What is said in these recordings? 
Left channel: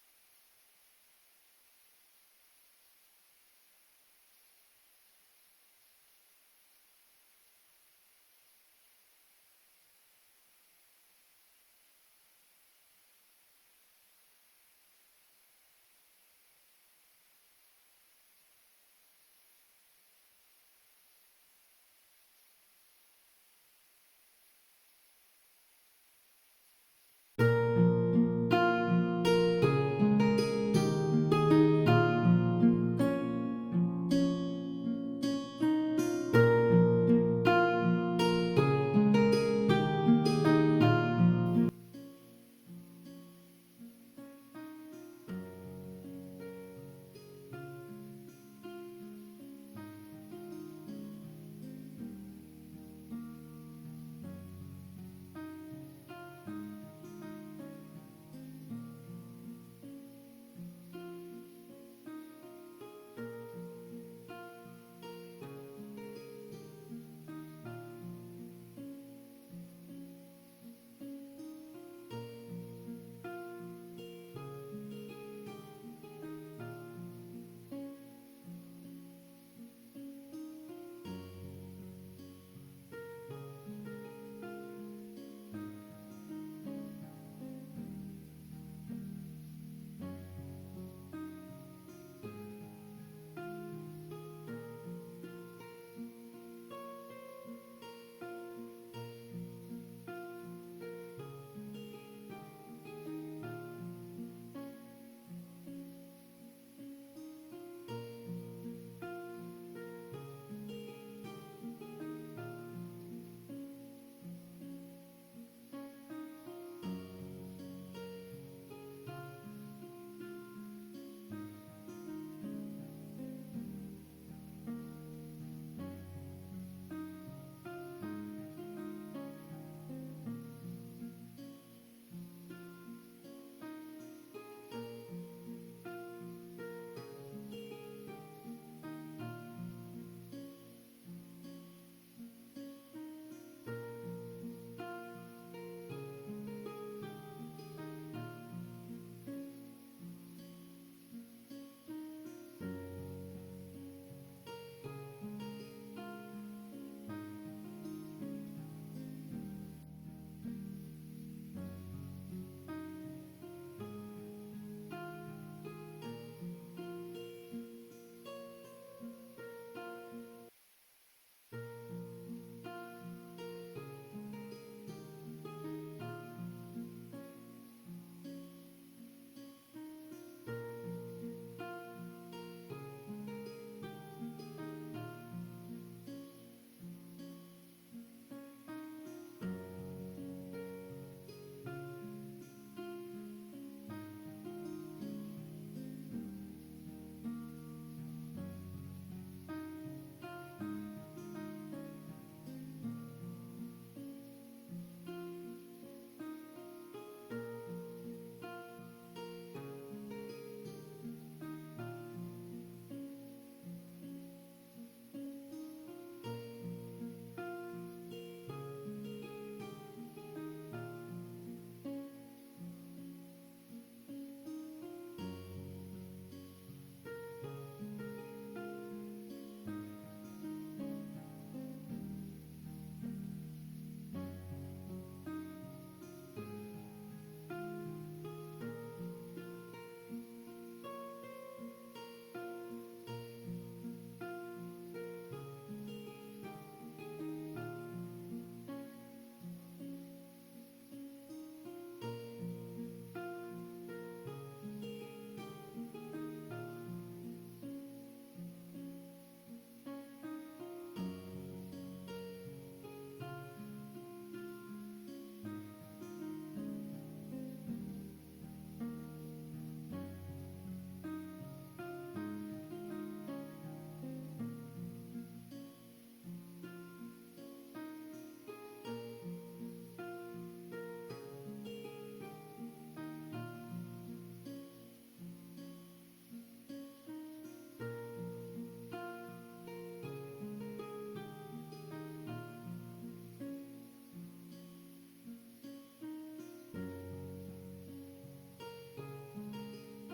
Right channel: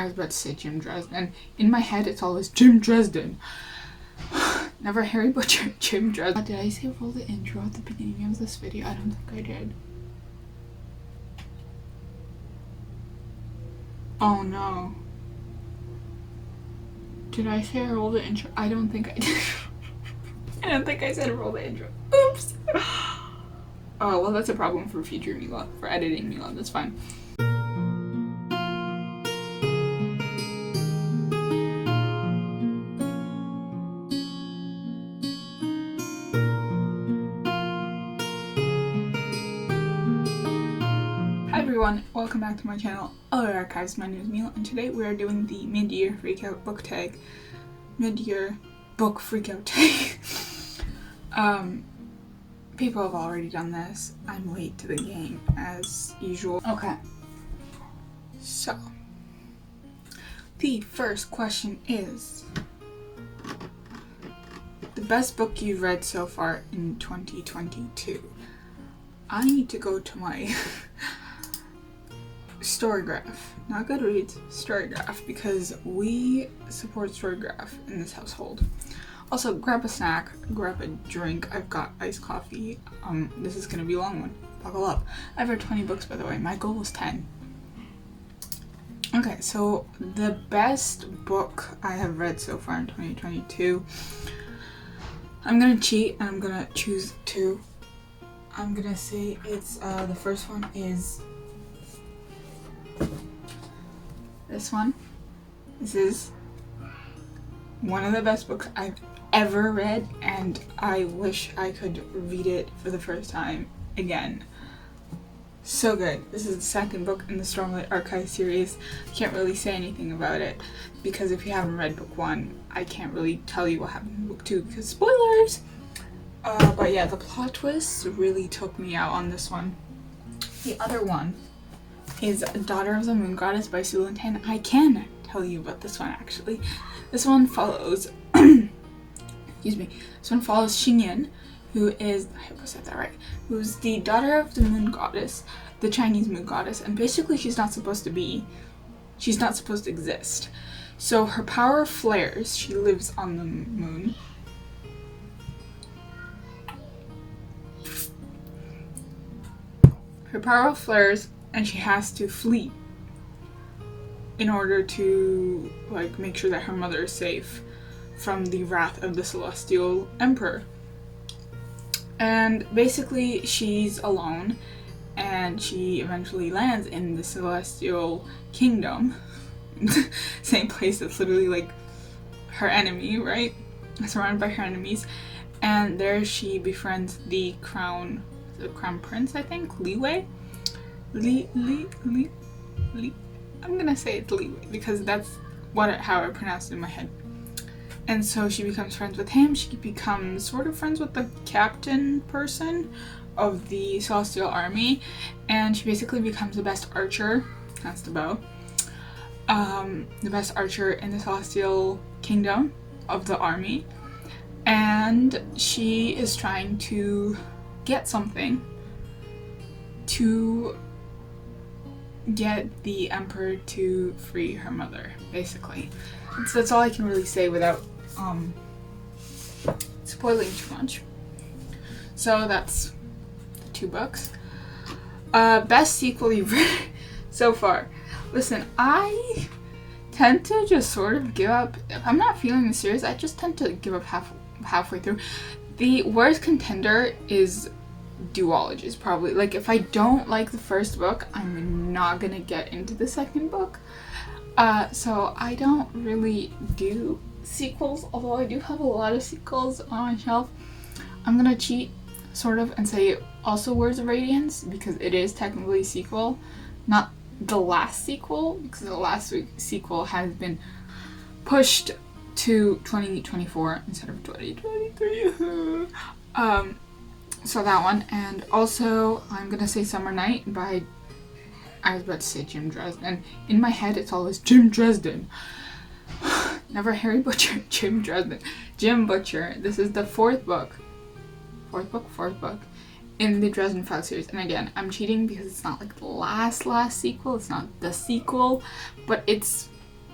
I was about to say Jim Dresden. In my head, it's always Jim Dresden. Never Harry Butcher, Jim Dresden. Did I say roll the intro at the beginning of this video? I don't think I did. Oh no. Did I say roll the intro? I don't think I did. I don't think I said roll the intro. Oops. Oh, well, that's a problem for future Mila, for editing Mila. That's fine. Welcome back to my channel, Other Archives. My name is Mila, and today we are doing the mid-year freakout book tag. Mid-year book freakout tag. People have already done this. I'm late to the game, as usual. Okay. So, the first question is, the best book you've read so far in 2022. I need to go to my Storygraph, not Goodreads, Storygraph, because we support Storygraph in this household. Also, grab a snack, grab a drink. I've got iced coffee. This is gonna be a long one. Buckle up. I've read 20 books, by the way. My goal was 10. Okay, so the best book I have read so far in 2022. I'm gonna cheat and I'm gonna choose two. I'm gonna say it's the first one is this one. This is one of the best books I've ever read, and I wish I could read it for the first time again. So good. This is the second book in the Stormlight Archive series. I can't really say anything about it because if you haven't read book one, I can't really tell you what happened in book two because spoilers! But yeah, the plot twists really took me out on this one. The other one is Daughter of the Moon Goddess by Su Lintan. I can tell you about this one actually. This one follows excuse me. This one follows Xingyan, who is, I hope I said that right, who's the daughter of the moon goddess, the Chinese moon goddess, and basically she's not supposed to exist. So her power flares. She lives on the moon. Her power flares and she has to flee in order to make sure that her mother is safe from the wrath of the Celestial Emperor. And basically she's alone and she eventually lands in the Celestial Kingdom. Same place that's literally her enemy, right? Surrounded by her enemies. And there she befriends the crown prince, I think, Liwei. I'm gonna say it's Liwei because that's how I pronounced it in my head. And so she becomes friends with him. She becomes sort of friends with the captain person of the Celestial Army, and she basically becomes the best archer. That's the bow. The best archer in the Celestial Kingdom of the army, and she is trying to get something to get the emperor to free her mother, basically. So that's all I can really say without spoiling too much. So that's the two books. Best sequel you've read so far. Listen, I tend to just sort of give up. If I'm not feeling the series, I just tend to give up halfway through. The worst contender is duologies, probably. If I don't like the first book, I'm not gonna get into the second book. So I don't really do sequels, although I do have a lot of sequels on my shelf. I'm gonna cheat, sort of, and say also Words of Radiance, because it is technically a sequel, not the last sequel, because the last sequel has been pushed to 2024 instead of 2023. So that one, and also I'm gonna say Summer Night by, I was about to say Jim Dresden. In my head, it's always Jim Dresden. Never Harry Butcher, Jim Dresden. Jim Butcher. This is the fourth book in the Dresden Files series. And again, I'm cheating because it's not the last sequel. It's not the sequel, but it's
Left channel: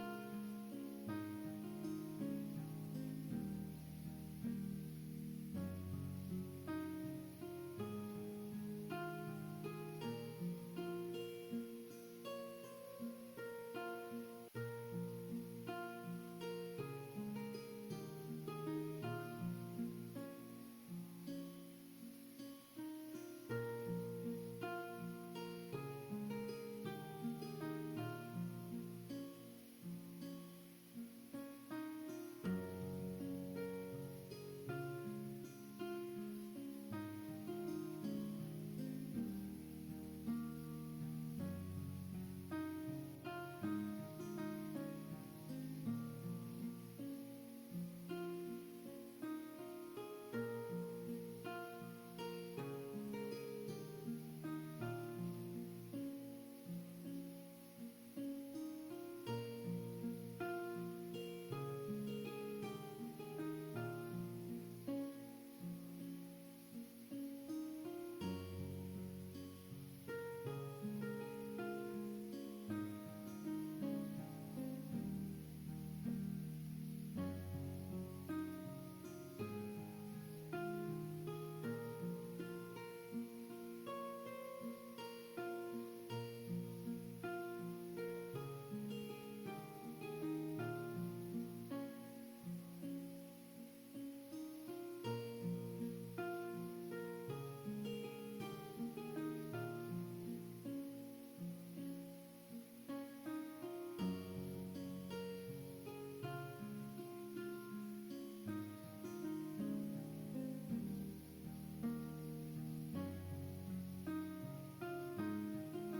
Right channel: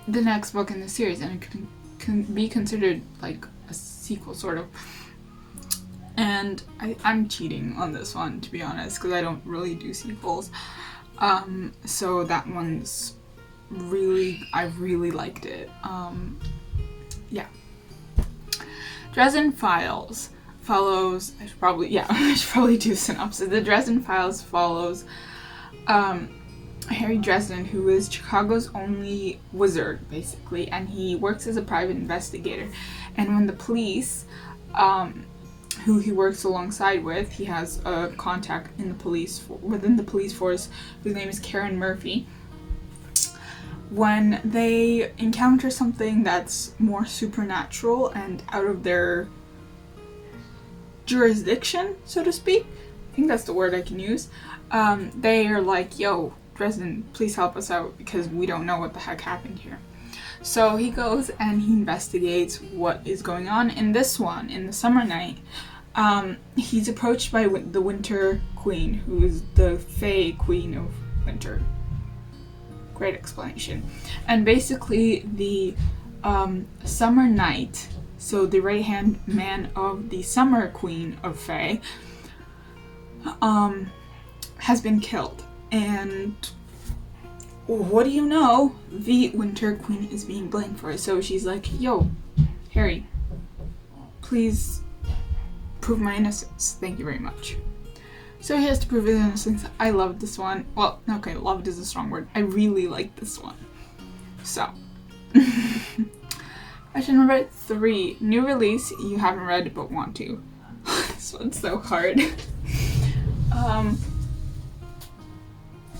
the next book in the series, and it can be considered like a sequel, sort of. And I'm cheating on this one, to be honest, because I don't really do sequels. So that one's I really liked it. Yeah. Dresden Files follows, I should probably do a synopsis. The Dresden Files follows Harry Dresden, who is Chicago's only wizard, basically, and he works as a private investigator. And when the police, who he works alongside with, he has a contact in the within the police force, whose name is Karen Murphy. When they encounter something that's more supernatural and out of their jurisdiction, so to speak, I think that's the word I can use, they are like, yo, Dresden, please help us out, because we don't know what the heck happened here. So he goes and he investigates what is going on. In this one, in the summer night, he's approached by the Winter Queen, who is the Fae Queen of Winter. Great explanation. And basically the summer knight, so the right-hand man of the Summer Queen of Fae, has been killed. And what do you know? The Winter Queen is being blamed for it. So she's like, yo, Harry, please prove my innocence. Thank you very much. So he has to prove his innocence. I loved this one. Well, okay, loved is a strong word. I really liked this one. So, question number 3. New release you haven't read but want to. This one's so hard.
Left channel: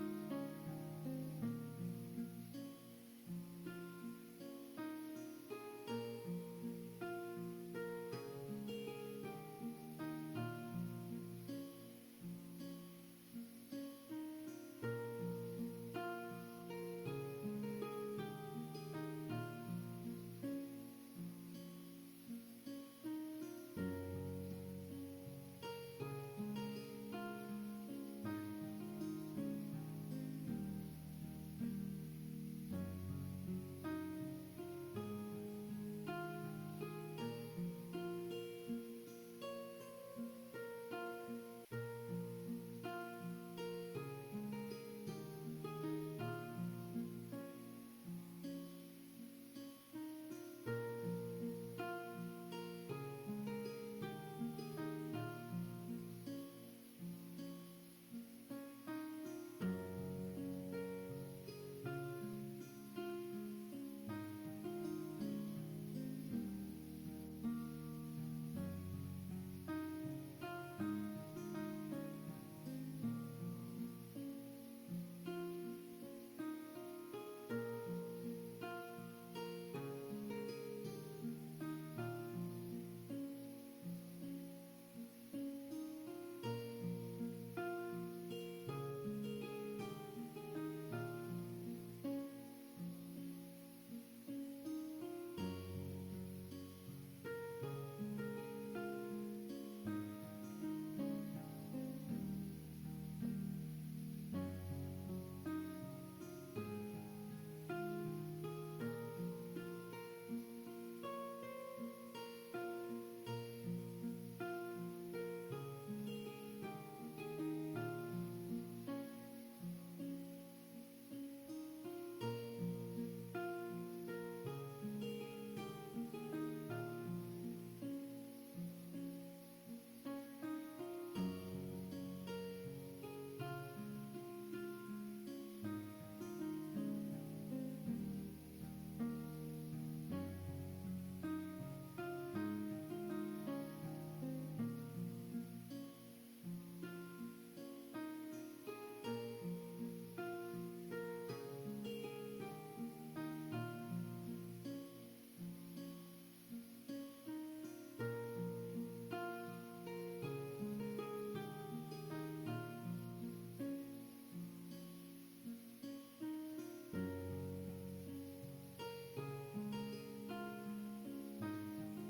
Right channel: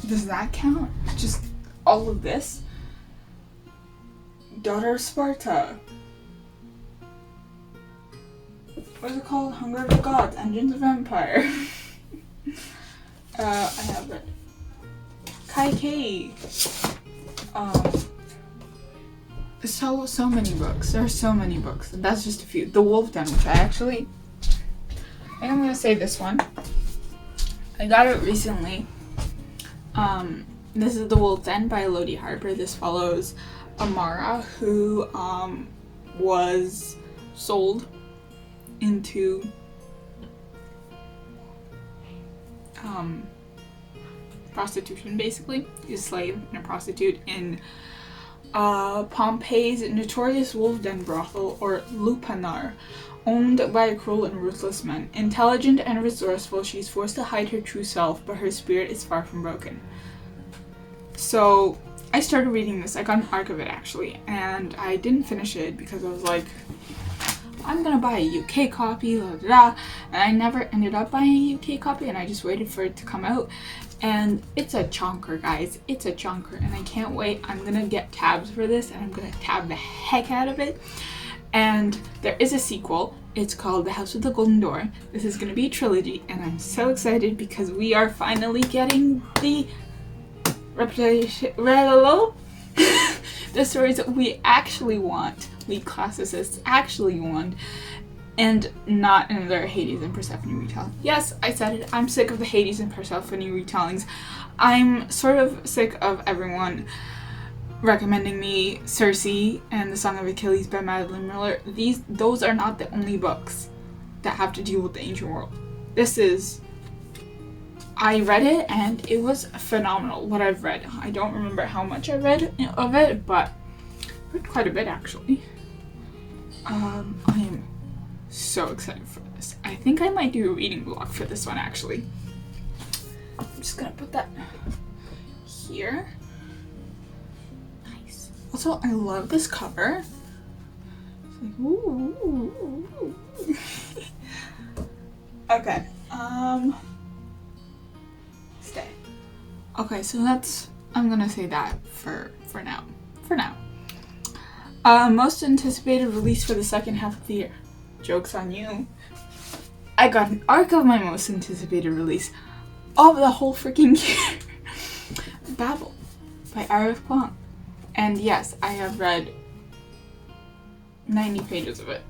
Does that count? Just all of this? Daughter of Sparta. What is it called? Hunger of the Gods, Engines of Empire. I have it. Kai. So many books. There are so many books. That's just a few. The Wolf Den, which I think I'm gonna say this one. I got it recently. This is The Wolf Den by Elodie Harper. This follows Amara, who was sold into prostitution, basically. She's a slave and a prostitute in Pompeii's notorious wolf den brothel, or Lupanar, owned by a cruel and ruthless man. Intelligent and resourceful, she's forced to hide her true self, but her spirit is far from broken. So I started reading this. I got an arc of it, actually, and I didn't finish it because I was like, I'm gonna buy a UK copy, blah, blah, blah. And I never ended up buying a UK copy, and I just waited for it to come out. And it's a chonker, guys. It's a chonker, and I can't wait. I'm gonna get tabs for this, and I'm gonna tab the heck out of it. And there is a sequel. It's called The House with the Golden Door. This is gonna be a trilogy, and I'm so excited because we are finally getting the reputation, the stories that we actually want, we classicists actually want, and not another Hades and Persephone retelling. Yes, I said it. I'm sick of the Hades and Persephone retellings. I'm sort of sick of everyone recommending me Circe and The Song of Achilles by Madeline Miller. Those are not the only books that have to deal with the ancient world. I read it and it was phenomenal, what I've read. I don't remember how much I read of it, but I read quite a bit, actually. I am so excited for this. I think I might do a reading vlog for this one, actually. I'm just gonna put that here. Nice. Also, I love this cover. It's like, ooh. Okay. Stay. Okay, so I'm gonna say that for now. For now. Most anticipated release for the second half of the year. Joke's on you. I got an arc of my most anticipated release of the whole freaking year. Babel by Arif Kwong. And yes, I have read 90 pages of it.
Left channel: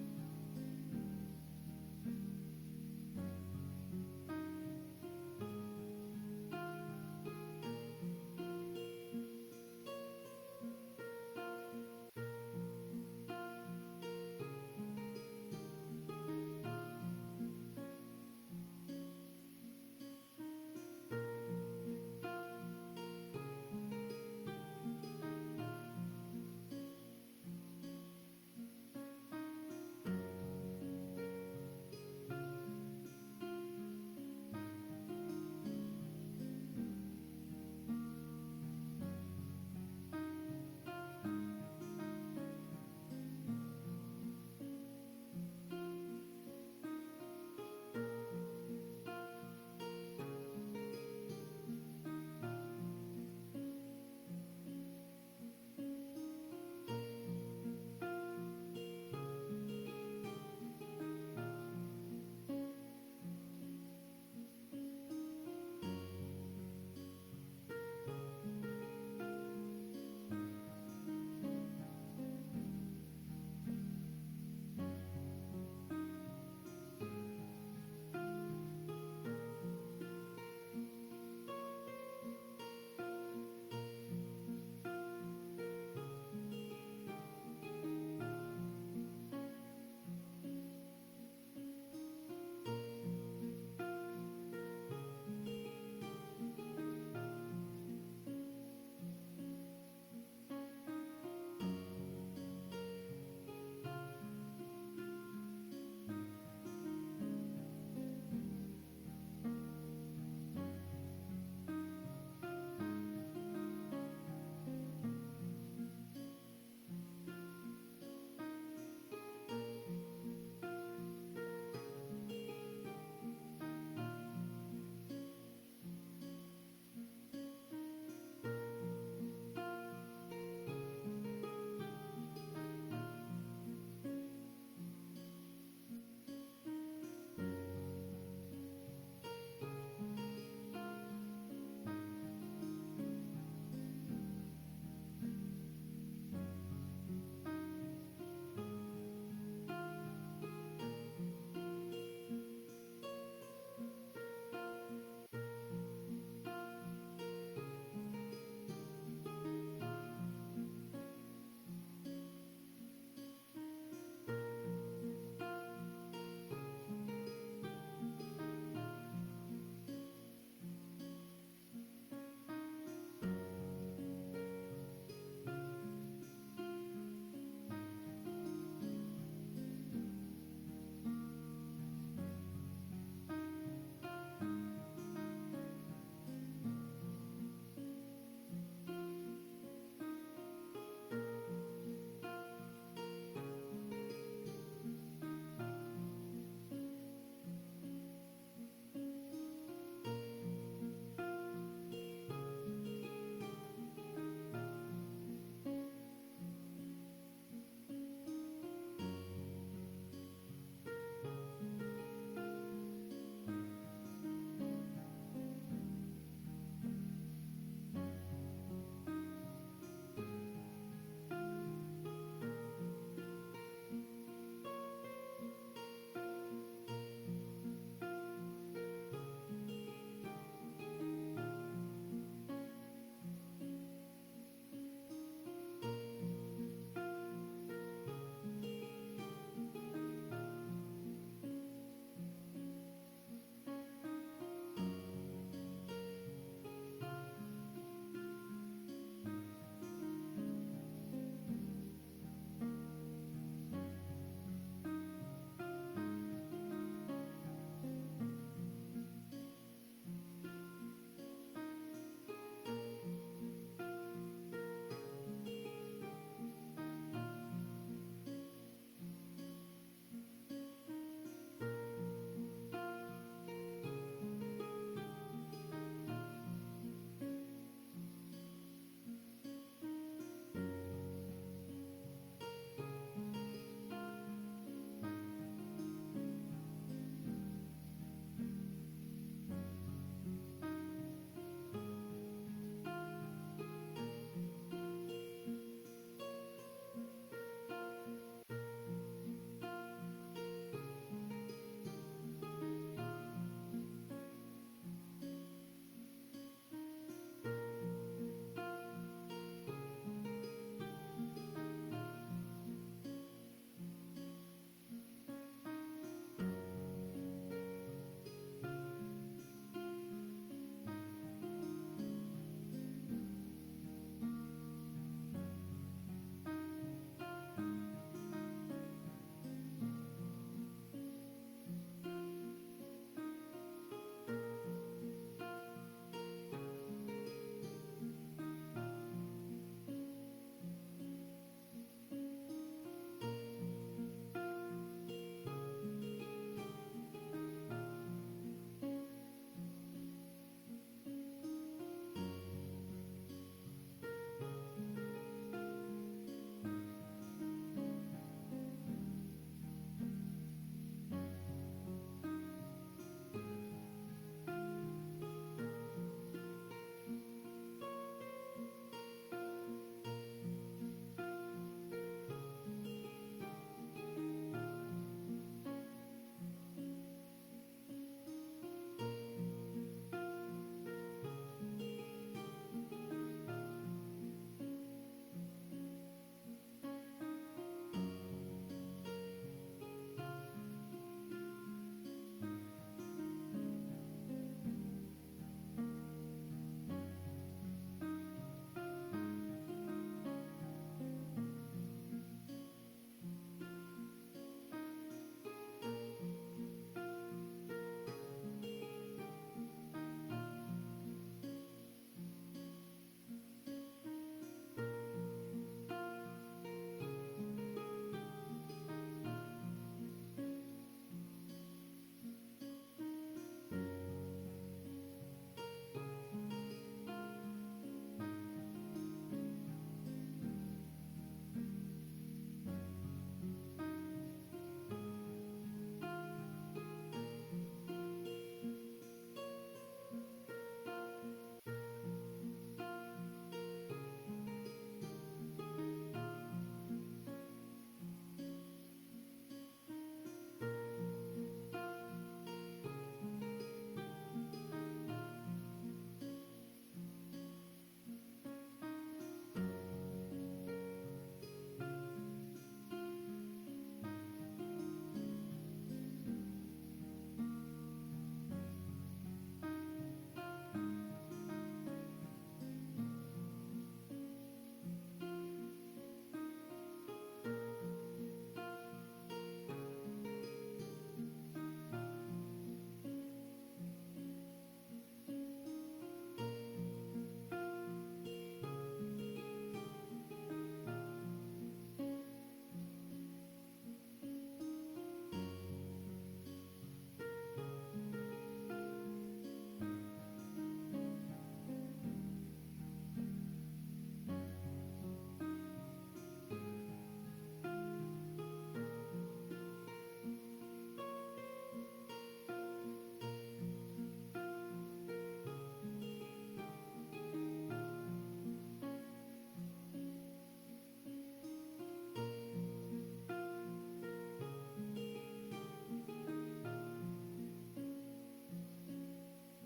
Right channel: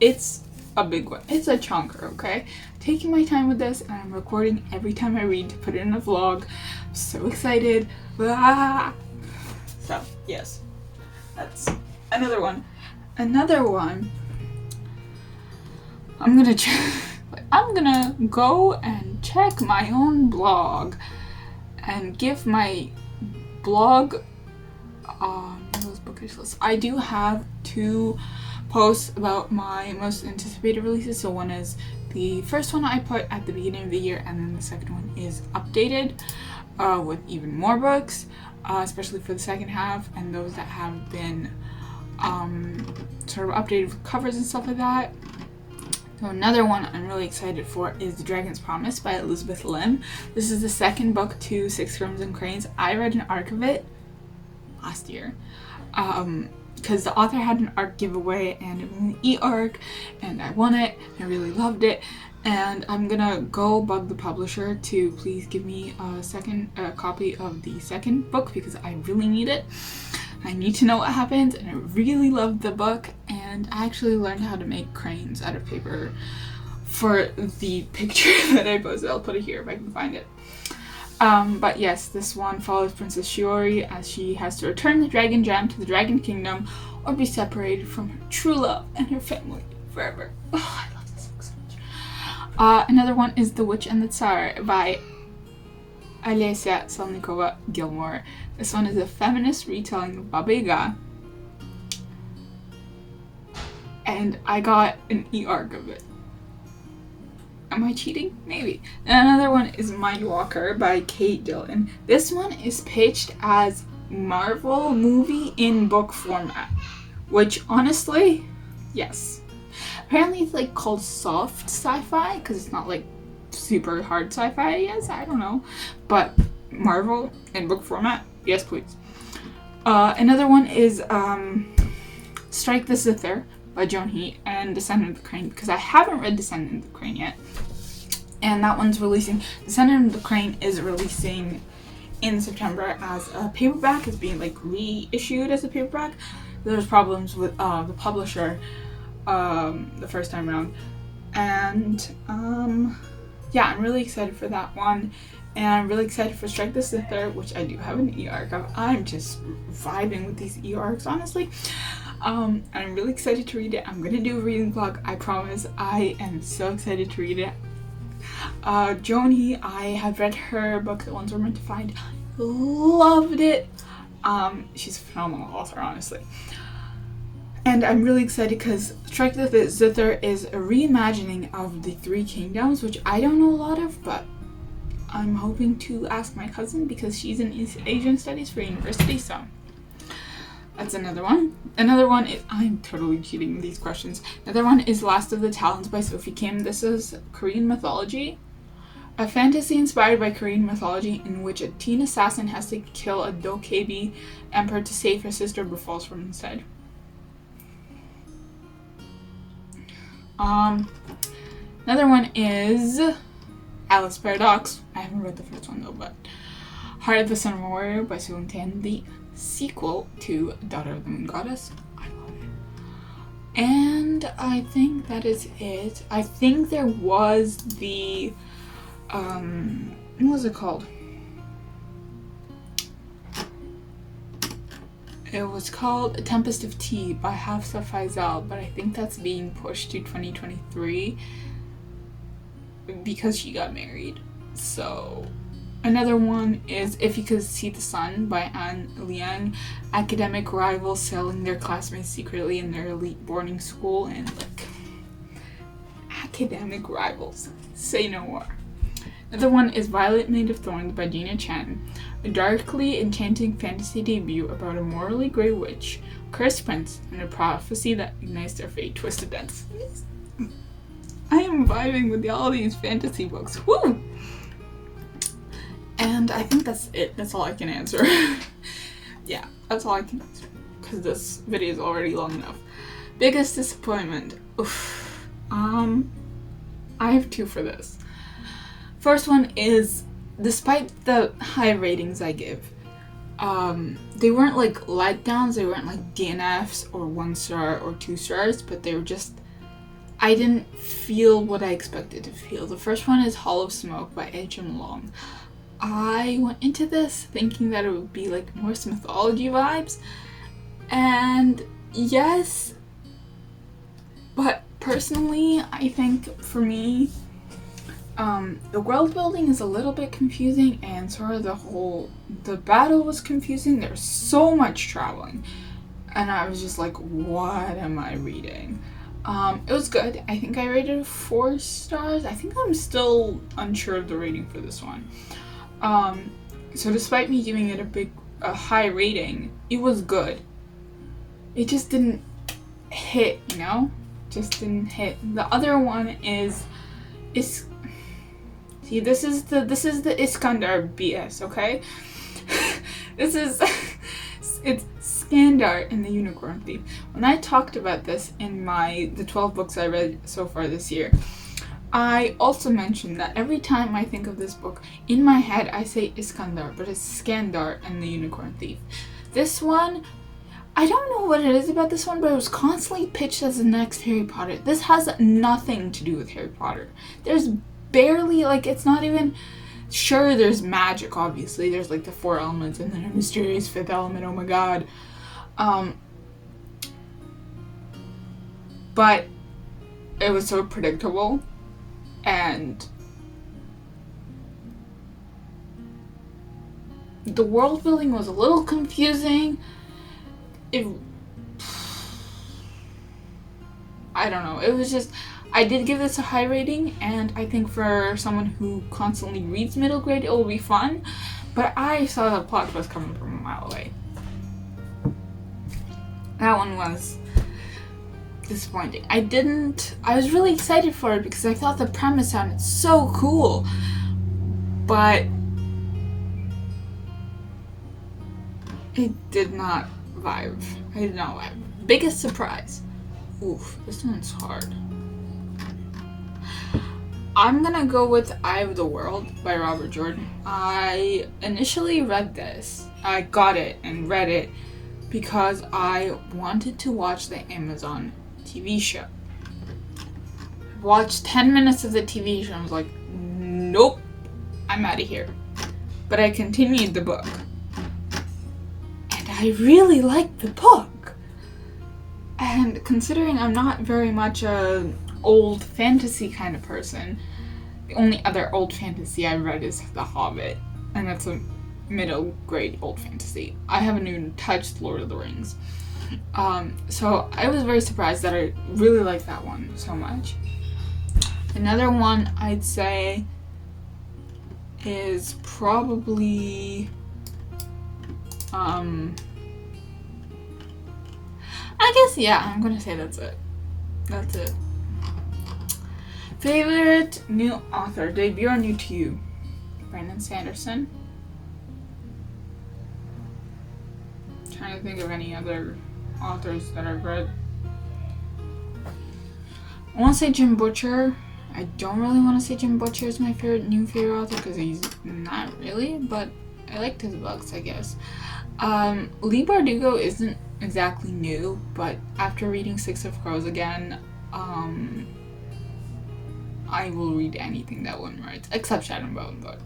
It's a big one. It's a chonker, okay? Taking my time with this, and I'm recording every time I read to put it in a vlog. I'm so excited. Ah! So, yes. that's another one. Another one, I'm gonna go and check my own blog and give my blog Mila's bookish list. I do have 2 posts about my most anticipated releases. So one is the first one I put at the beginning of the year, and then the second one is updated with even more books, especially for the second half, and those that have been sort of updated with covers and stuff like that. So another one I'm really excited for is The Dragon's Promise by Elizabeth Lim. This is the second book to Six Crimson Cranes. I read an arc of it last year because the author had an arc giveaway and it was an e-arc and I won it. I really loved it, and I'm gonna go bug the publisher to please give me a copy of the second book because I really need it. I need to know what happens, and I really loved the book, and I actually learned how to make cranes out of paper for the picture that I posted. I'll put it here if I can find it. But yes, this one follows Princess Shiori as she has to return the dragon gem to the Dragon Kingdom or be separated from her true love and her family forever. Oh, I love this book so much. Another one is The Witch and the Tsar by Alesia Salnikova Gilmore. This one is a feminist retelling of Baba Yaga, and I got an e-arc of it. Am I cheating? Maybe. And another one is Mindwalker by Kate Dillon. This one is pitched as Marvel movie in book format, which honestly, yes. Apparently it's like called soft sci-fi because it's not like super hard sci-fi, yes, I don't know. But Marvel in book format, yes please. Another one is Strike the Zither by Joan He and Descendant of the Crane, because I haven't read Descendant of the Crane yet. And that one's releasing, Descendant of the Crane is releasing in September as a paperback. It's being like reissued as a paperback. There's problems with the publisher the first time around. And yeah, I'm really excited for that one. And I'm really excited for Strike the Zither, which I do have an e-arc of. I'm just vibing with these e-arcs, honestly. I'm really excited to read it. I'm gonna do a reading vlog, I promise. I am so excited to read it. Joan He, I have read her book, The Ones We're Meant to Find. Loved it. She's a phenomenal author, honestly. And I'm really excited because Strike the Zither is a reimagining of the Three Kingdoms, which I don't know a lot of, but I'm hoping to ask my cousin because she's in Asian Studies for university, so that's another one. Another one is, I'm totally cheating these questions. Another one is Last of the Talons by Sophie Kim. This is Korean mythology. A fantasy inspired by Korean mythology in which a teen assassin has to kill a Dokkaebi emperor to save her sister but falls from instead. Another one is Alice Paradox. I haven't read the first one though, but Heart of the Sun Warrior by Soon Tan, the sequel to Daughter of the Moon Goddess. I love it. And I think that is it. I think there was the what was it called? It was called A Tempest of Tea by Hafsa Faisal, but I think that's being pushed to 2023 because she got married. So another one is If You Could See the Sun by Anne Liang. Academic rivals selling their classmates secretly in their elite boarding school, and like academic rivals. Say no more. Another one is Violet Made of Thorns by Gina Chen. A darkly enchanting fantasy debut about a morally grey witch, cursed prince, and a prophecy that ignites their fate twisted ends. I am vibing with all these fantasy books. Woo! And I think that's it. That's all I can answer. Yeah, that's all I can answer. Because this video is already long enough. Biggest disappointment. Oof. I have 2 for this. First one is, despite the high ratings I give, they weren't like letdowns, they weren't like DNFs or 1 star or 2 stars, but they were just, I didn't feel what I expected to feel. The first one is Hall of Smoke by H.M. Long. I went into this thinking that it would be like Norse mythology vibes, And yes, but personally, I think for me, the world building is a little bit confusing, and sort of the battle was confusing. There's so much traveling, and I was just like, what am I reading? It was good. I think I rated it 4 stars. I think I'm still unsure of the rating for this one. So despite me giving it a high rating, it was good. It just didn't hit, you know? Just didn't hit. The other one is see, this is the Iskandar BS, okay? It's Skandar in the Unicorn Thief. When I talked about this in the 12 books I read so far this year, I also mentioned that every time I think of this book, in my head I say Iskandar, but it's Skandar and the Unicorn Thief. This one, I don't know what it is about this one, but it was constantly pitched as the next Harry Potter. This has nothing to do with Harry Potter. There's barely, like, it's not even, sure, there's magic, obviously. There's, like, the 4 elements and then a mysterious 5th element, oh my god. But it was so predictable, and the world building was a little confusing. I don't know, it was just, I did give this a high rating, and I think for someone who constantly reads middle grade, it will be fun, but I saw the plot twist coming from a mile away. That one was disappointing. I was really excited for it because I thought the premise sounded so cool, but it did not vibe. Biggest surprise. Oof, this one's hard. I'm gonna go with Eye of the World by Robert Jordan. I initially read this. I got it and read it because I wanted to watch the Amazon TV show. Watched 10 minutes of the TV show and was like, nope, I'm out of here. But I continued the book. And I really liked the book. And considering I'm not very much a old fantasy kind of person, the only other old fantasy I've read is The Hobbit, and that's a middle grade old fantasy. I haven't even touched Lord of the Rings. So I was very surprised that I really liked that one so much. Another one I'd say is probably I guess, yeah, I'm gonna say that's it. That's it. Favorite new author, debut or new to you? Brandon Sanderson. Trying to think of any other authors that I've read. I want to say Jim Butcher. I don't really want to say Jim Butcher is my new favorite author because he's not really, but I liked his books, I guess. Lee Bardugo isn't exactly new, but after reading Six of Crows again, I will read anything that one writes, except Shadow and Bone. But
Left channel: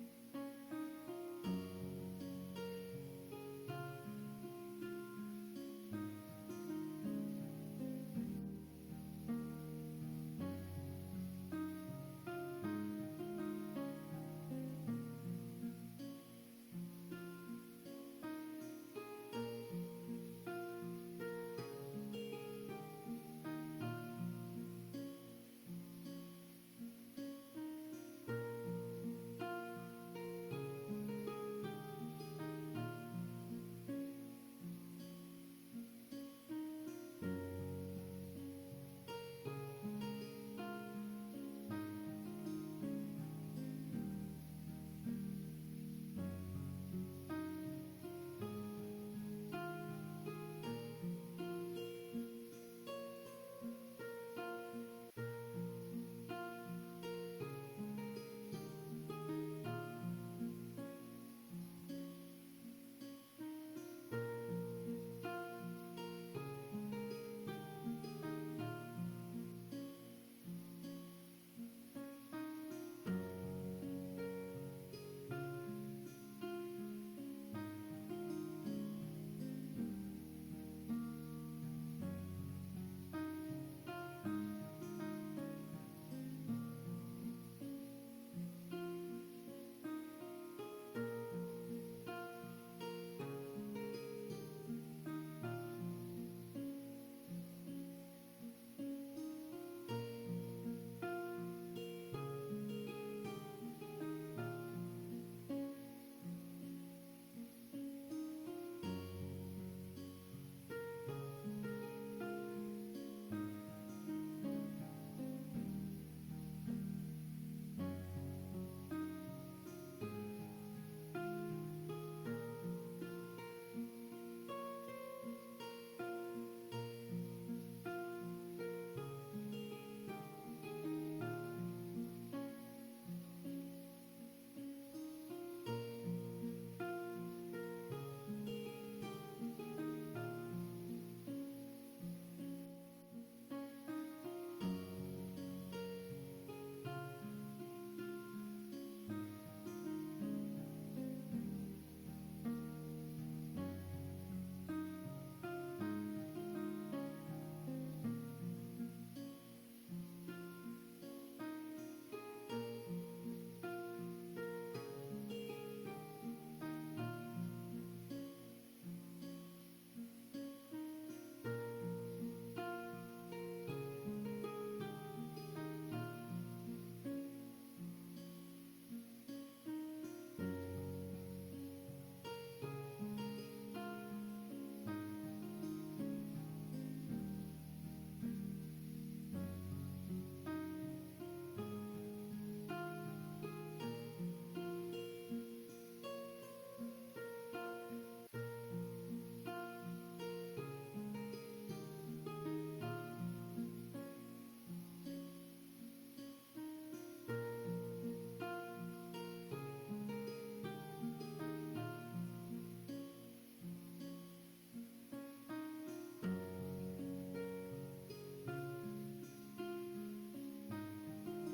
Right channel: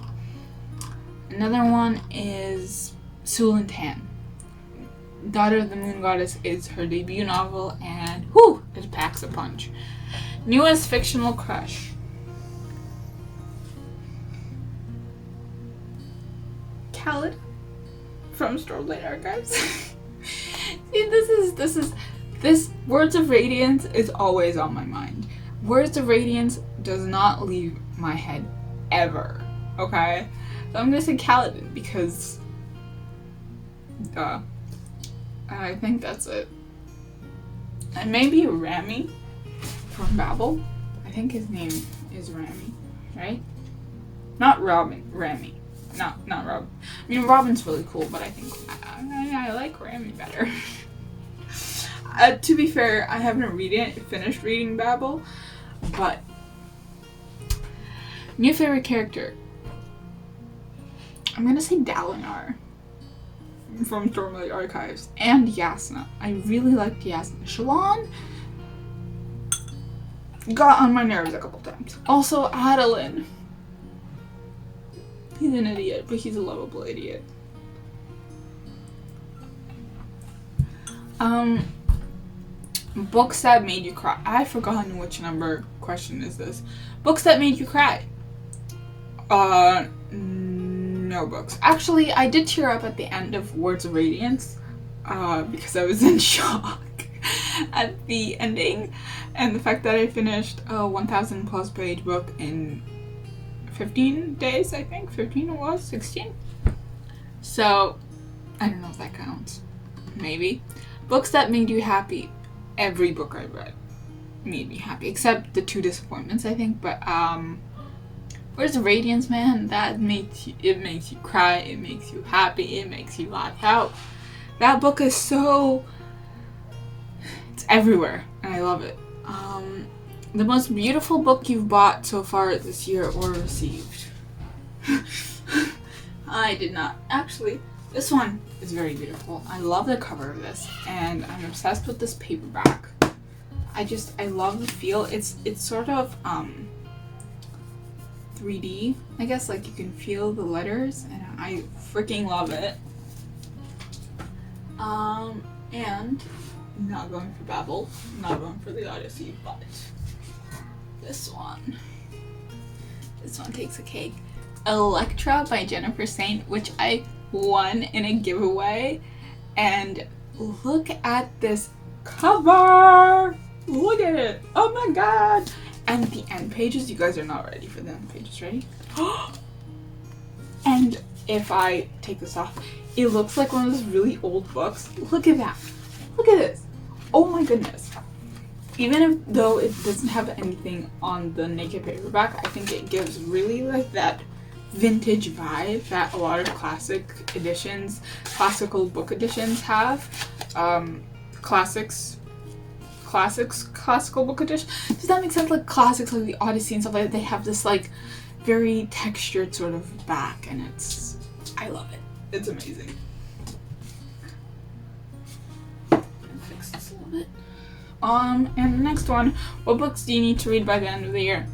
another one is Sulin Tan. Daughter of the Moon Goddess is her debut novel, and whew, it packs a punch. Newest fictional crush. Khaled from Stormblade Archives. See, this Words of Radiance is always on my mind. Words of Radiance does not leave my head ever. Okay? So I'm gonna say Khaled because I think that's it. And maybe Rami from Babel. I think his name is Rami, right? Not Robin, Rami. Not Robin. I mean, Robin's really cool, but I think I like Rami better. To be fair, I haven't finished reading Babel, but new favorite character. I'm gonna say Dalinar from Stormlight Archives and Yasna. I really liked Yasna. Shallan got on my nerves a couple times. Also, Adolin. He's an idiot, but he's a lovable idiot. Books that made you cry. I've forgotten which number question is this. Books that made you cry. No books. Actually, I did tear up at the end of Words of Radiance, because I was in shock at the ending, and the fact that I finished a 1,000 plus page book in 15 days, I think. 15 it was? 16? So, I don't know if that counts. Maybe. Books that made you happy. Every book I read made me happy, except the 2 disappointments, I think. But Words of Radiance, man, that makes you cry, it makes you happy, it makes you laugh out. That book is so, it's everywhere, and I love it. The most beautiful book you've bought so far this year or received. I did not. Actually, this one is very beautiful. I love the cover of this, and I'm obsessed with this paperback. I love the feel. It's sort of 3D, I guess, like you can feel the letters, and I freaking love it. And not going for Babel, not going for the Odyssey, but this one takes a cake. Electra by Jennifer Saint, which I won in a giveaway, and look at this cover. Look at it. Oh my god. And the end pages, you guys are not ready for the end pages, ready? And if I take this off, it looks like one of those really old books. Look at that. Look at this. Oh my goodness. Even though it doesn't have anything on the naked paperback, I think it gives really like that vintage vibe that a lot of classical book editions have. Classical book edition. Does that make sense? Like classics, like the Odyssey and stuff like that, they have this like very textured sort of back, and I love it. It's amazing. Fix this a little bit. And the next one, what books do you need to read by the end of the year?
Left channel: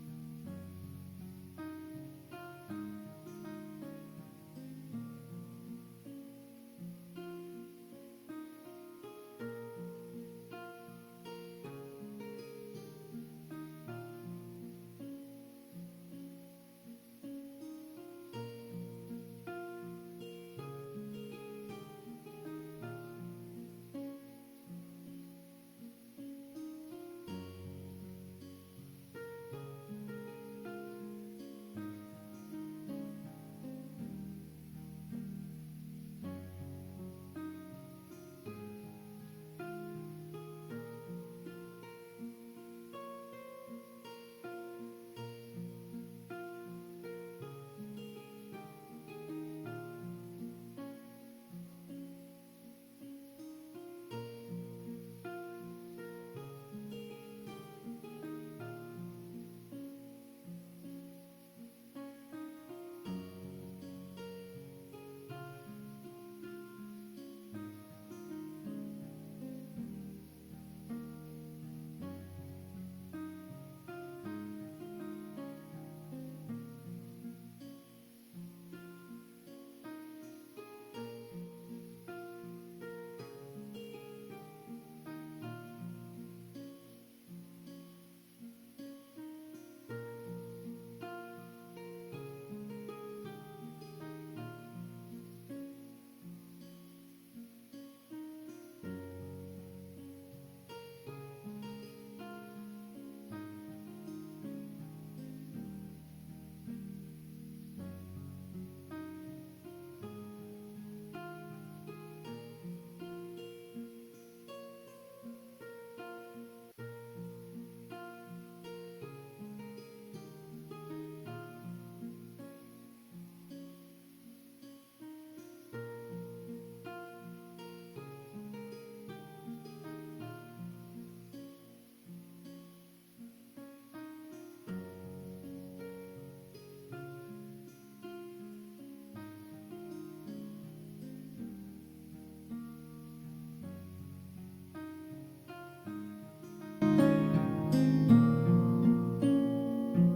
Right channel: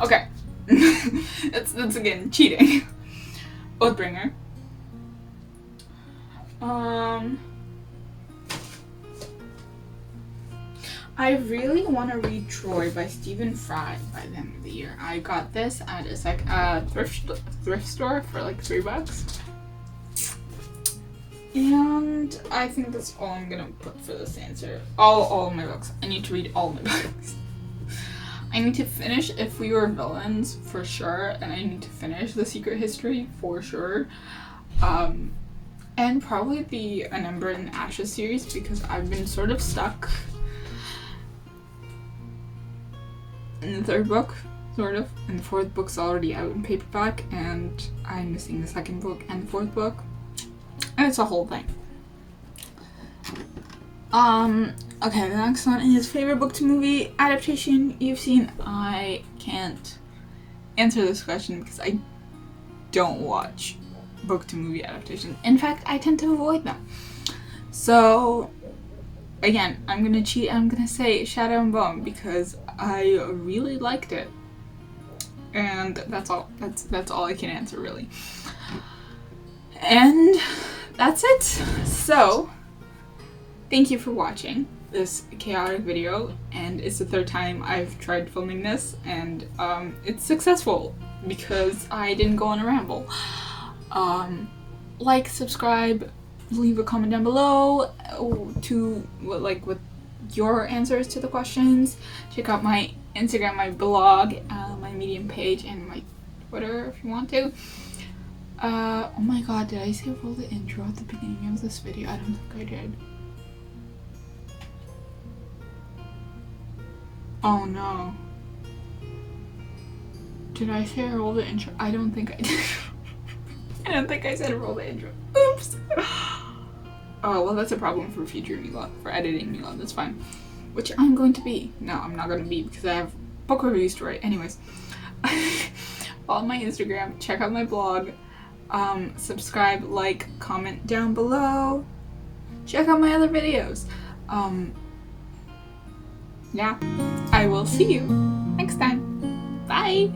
Okay. That's again cheating. Oathbringer. I really want to read Troy by Stephen Fry by the end of the year. I got this at a thrift store for like $3. And I think that's all I'm gonna put for this answer. All of my books. I need to read all my books. I need to finish If We Were Villains for sure, and I need to finish The Secret History for sure. And probably the An Ember in Ashes series, because I've been sort of stuck in the 3rd book, sort of, and the 4th book's already out in paperback, and I'm missing the 2nd book and the 4th book, and it's a whole thing. Okay, the next one is favorite book to movie adaptation you've seen. I can't answer this question because I don't watch book to movie adaptations. In fact, I tend to avoid them. So, again, I'm gonna cheat. I'm gonna say Shadow and Bone because I really liked it, and that's all. That's all I can answer really. And that's it. So, thank you for watching this chaotic video, and it's the 3rd time I've tried filming this, and it's successful because I didn't go on a ramble. Like, subscribe, leave a comment down below with your answers to the questions. Check out my Instagram, my blog, my Medium page, and my Twitter if you want to. Oh my god, did I say roll the intro at the beginning of this video? I don't think I did. Oh no. Did I say roll the intro? I don't think I did. I don't think I said roll the intro. Oops. Oh, well, that's a problem for future Mila, for editing Mila, that's fine. Which I'm going to be. No, I'm not going to be because I have book reviews to write. Anyways. Follow my Instagram, check out my blog, subscribe, like, comment down below, check out my other videos. Yeah, I will see you next time. Bye!